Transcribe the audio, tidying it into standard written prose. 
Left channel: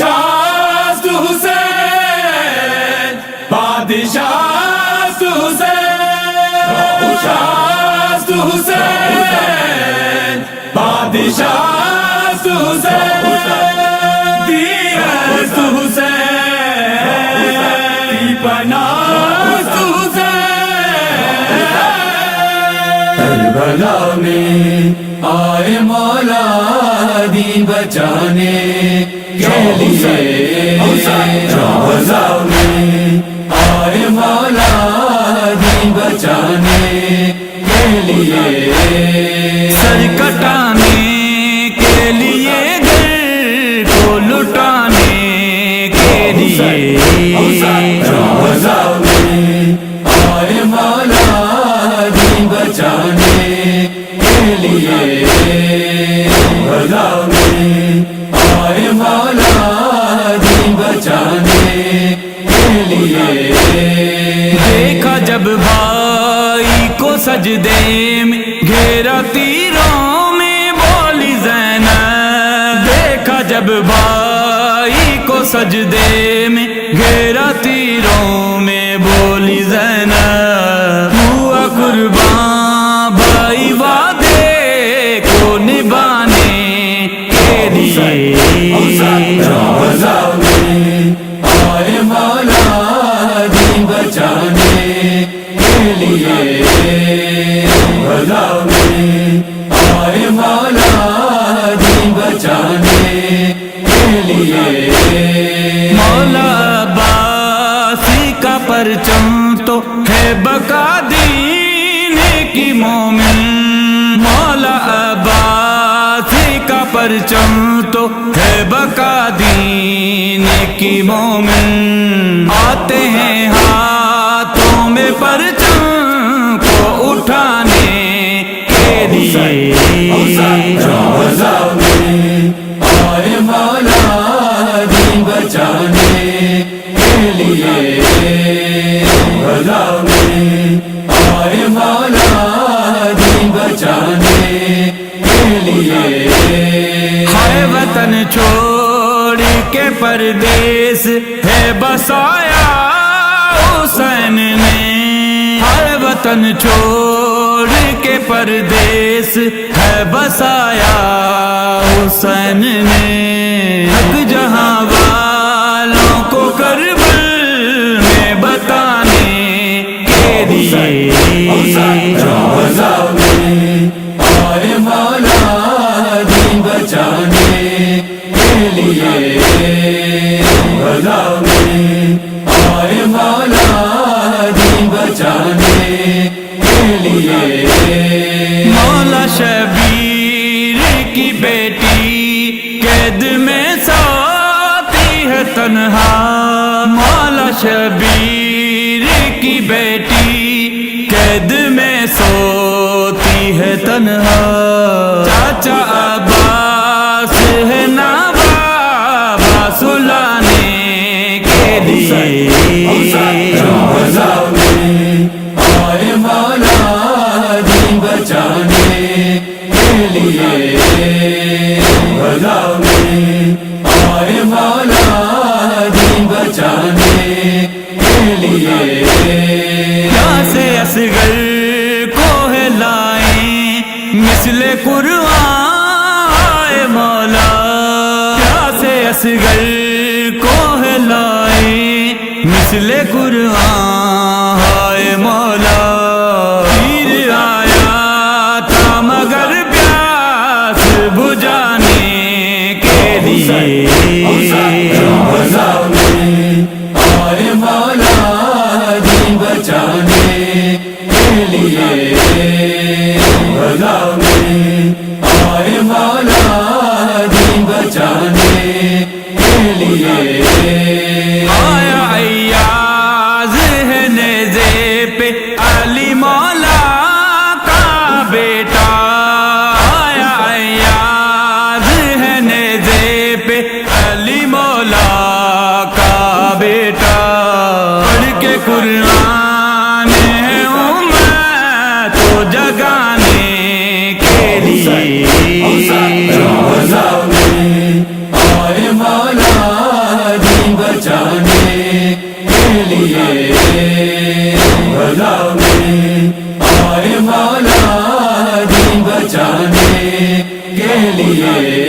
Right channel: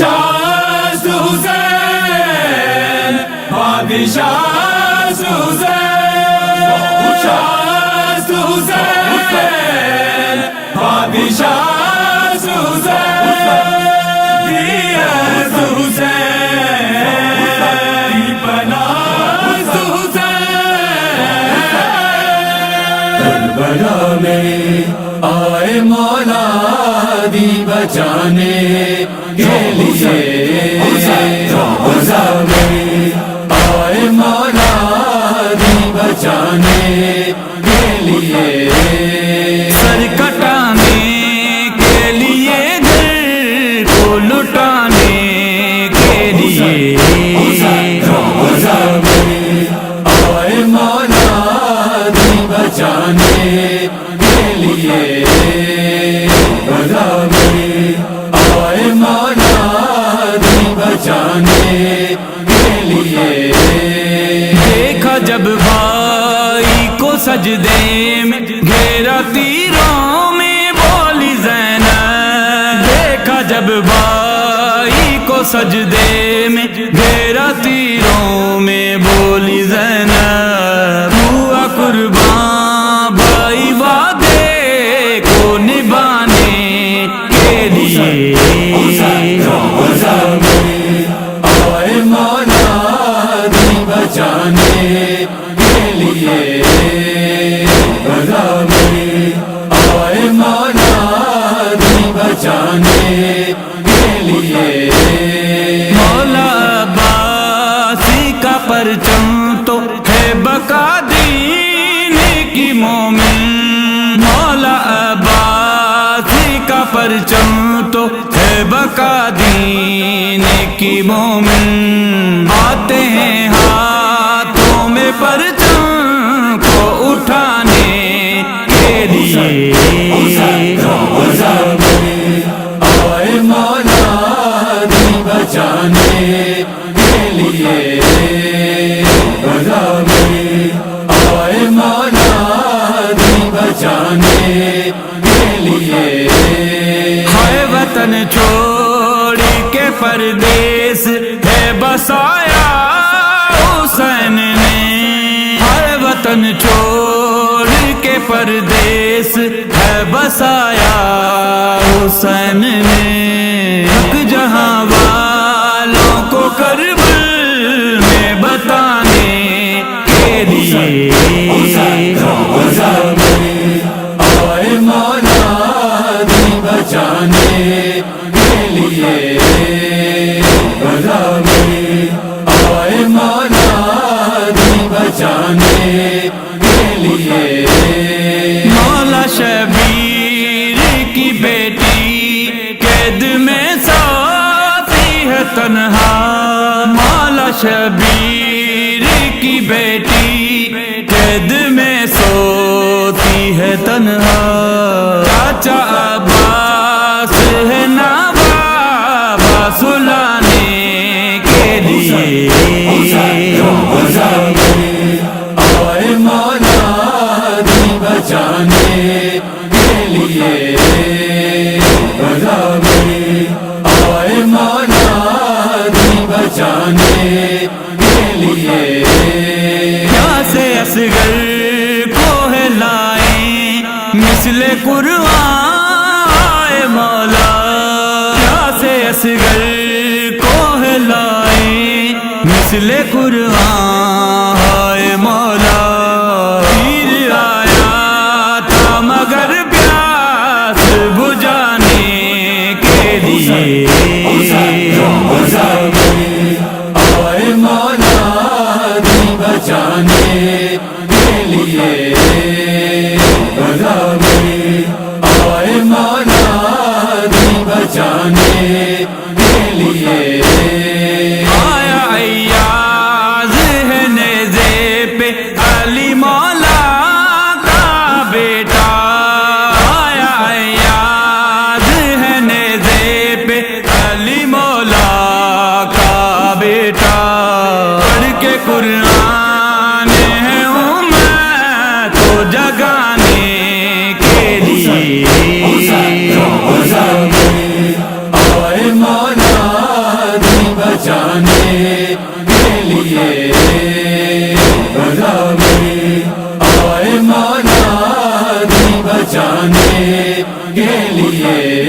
شاز حسین بادشاہ حسین شاز حسین بادشاہ حسین دیت حسین پناہ حسین کربلا میں آئے مولا دی بچانے کے لیے روزہ میں آئے مولا دی بچانے کے لیے سر کٹانے کے لیے گھر کو لٹانے کے لیے روزہ میں آئے مولا دی بچانے کے لیے روزہ میں آئے مولا دی بچانے کے لیے دیکھا جب بھائی کو سجدے میں گھیرا تیروں میں بولی زینب دیکھا جب بھائی کو سجدے میں گھیرا تیروں میں بولی زینب ہوا قربان بھائی وعدے کو نبھانے کے لیے روزہ میں آئے مولا دی بچانے کے لیے روزہ میں آئے مولا دی بچانے کے لیے مولا عباسی کا پرچم تو ہے بقا دین کی مومن مولا عباسی کا پرچم تو ہے بقا دین کی مومن آتے ہیں ہاتھوں میں پرچم کو اٹھانے کے لیے روزہ میں آئے مولا دی بچانے کے لیے روزہ میں آئے مولا دی بچانے کے لیے ہائے وطن چھوڑ کے پردیس ہے بسایا حسین نے ہائے وطن چھوڑ کے پردیس ہے بسایا حسین نے حق جہاں والوں کو کربل میں بتانے کے لیے روزہ میں آئے مولا دی بچانے کے لیے روزہ میں آئے مولا دی بچانے کے لیے مولا شبیر کی بیٹی قید میں سوتی ہے تنہا مولا شبیر کی بیٹی قید میں سوتی ہے تنہا چاچا عباس ہے نا بابا سلانے کے لیے روزہ میں آئے مولا دی بچانے کے لیے روزہ میں آئے مولا دی بچانے کے لیے سے اصغر کو ہے لائیں مثل قرآن مولا سے اصغر کو ہے لائیں مثل قرآن مولا پیر آیا تھا مگر پیاس بجھانے کے لیے روزہ میں آئے مولا دی بچانے کے لیے روزہ میں آئے مولا دی بچانے کے لیے آیا ایاز ہے نیزے پہ علی مولا کا بیٹا آیا ایاز ہے نیزے پہ علی مولا کا بیٹا پڑھ کے قرآن ہے امت کو جگانے کے لیے روزہ میں آئے مولا بچانے کے لیے غزہ میں آئے مولا دین بچانے کے لیے